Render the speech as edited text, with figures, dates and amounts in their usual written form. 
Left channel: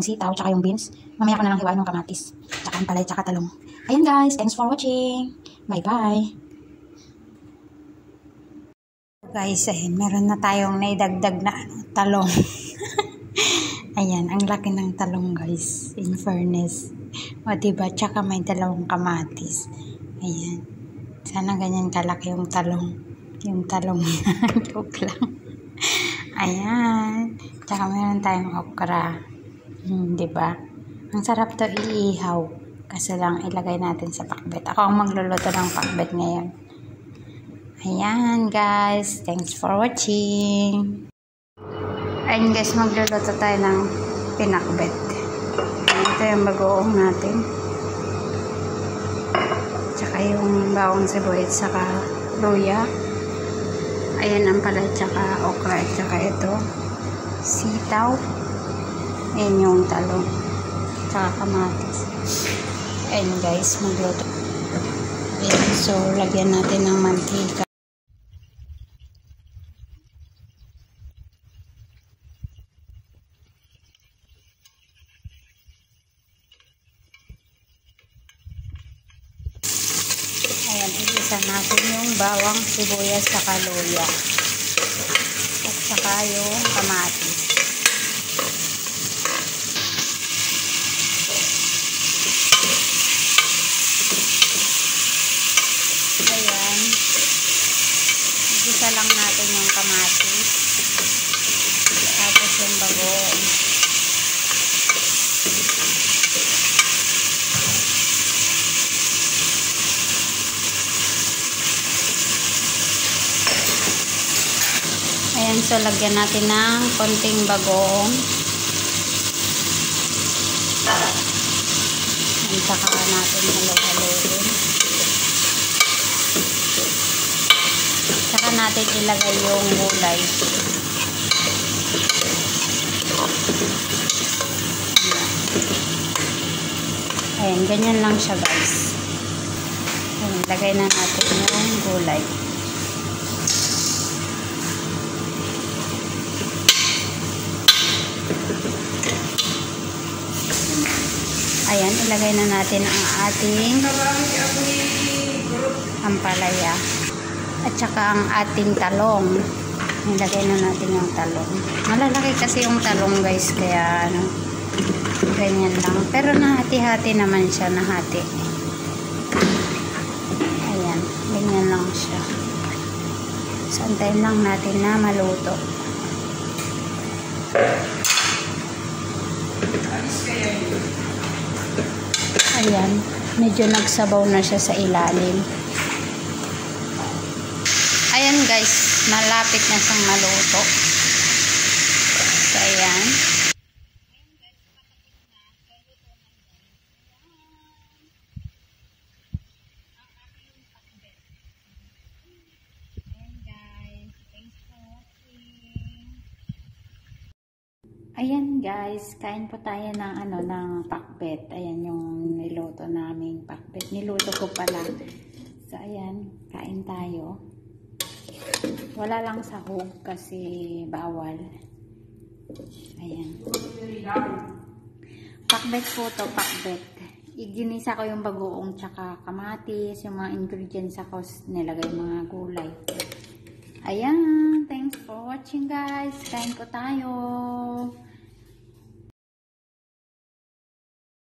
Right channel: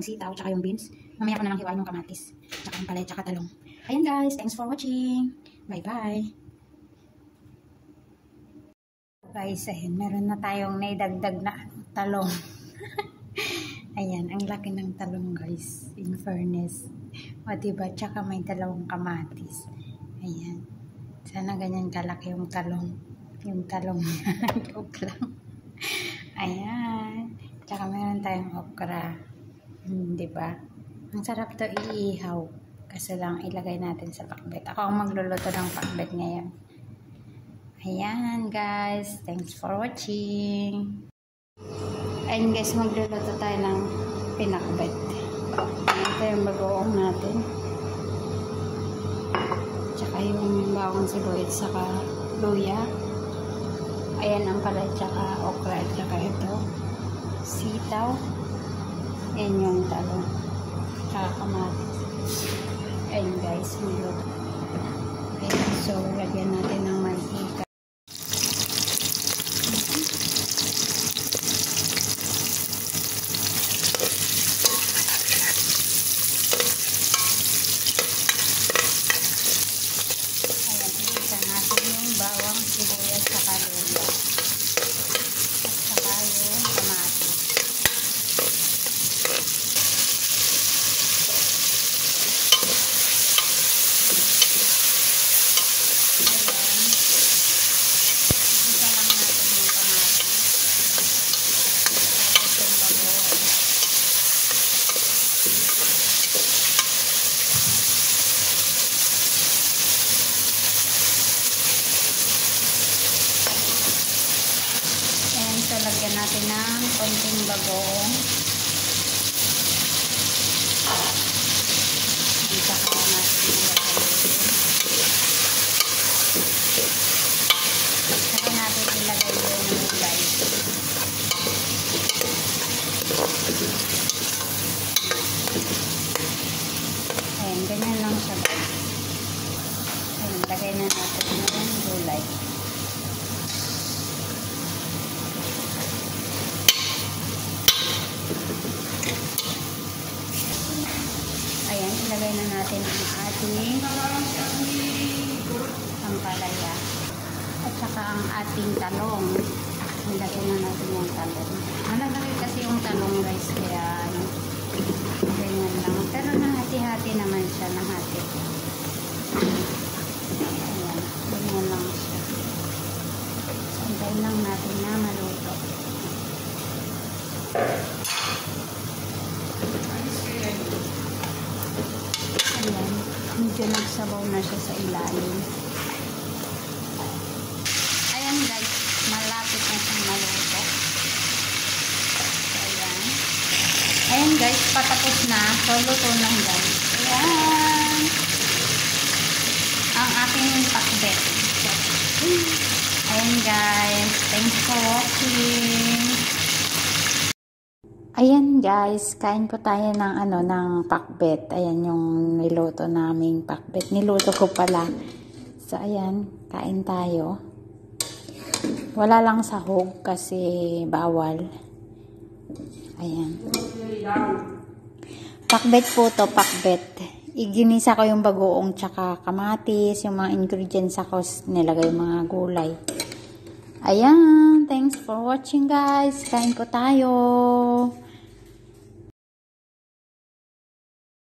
yung sitaw, tsaka yung beans. Mamaya ko na lang hiwain yung kamatis, tsaka ang palay, tsaka talong. Ayan guys, thanks for watching. Bye-bye. Guys, ayan, meron na tayong naidagdag na talong. Ayan, ang laki ng talong guys, in fairness. O diba, tsaka may dalawang kamatis. Ayan, sana ganyan kalaki yung talong. Yung talong, joke lang. Ayan, tsaka meron tayong okra. Diba, ang sarap to iihaw. Kasi lang ilagay natin sa pakbet. Ako ang magluluto ng pakbet ngayon. Ayan guys, thanks for watching. Ayun guys, magluluto tayo ng pinakbet. Ito yung bagoong natin. Tsaka yung bawang sibuyas, tsaka luya. Ayan ang palay, tsaka okra, tsaka ito sitaw. Ayan yung talong, tsaka kamatis. Ayan guys, magluto. Ayan, so lagyan natin ng mantika. Ayan, igisa natin yung bawang, sibuyas, saka luya. At saka yung kamatis. Ayan. Igisa lang natin yung kamatis. Tapos yung bagoong. Ayan, so lagyan natin ng konting bagoong. Saka natin ilagay. Saka natin ilagay yung gulay. Ayan, ganyan lang siya guys. Ayan, ilagay na natin yung gulay. Ayan, ilagay na natin ang ating ampalaya at saka ang ating talong. Ilagay na natin yung talong. Malalaki kasi yung talong guys, kaya ano, ganyan lang. Pero nahati-hati naman siya, nahati. Ayan, ganyan lang siya. Santayin lang natin na maluto. Ayan, medyo nagsabaw na siya sa ilalim. Ayan guys, malapit na siyang maluto. So ayan. Ayan guys, patapos na. So luto na guys. Ayan. Ang aking pakbet. Ayan guys, thanks for watching. Ayan guys, kain po tayo ng ng pakbet. Ayan yung niluto naming pakbet. Niluto ko pala. So ayan, kain tayo. Wala lang sahog kasi bawal. Ayan. Pakbet po to, pakbet. Iginisa ko yung bagoong tsaka kamatis, yung mga ingredients ako, nilagay yung mga gulay. Ayan, thanks for watching guys. Kain po tayo.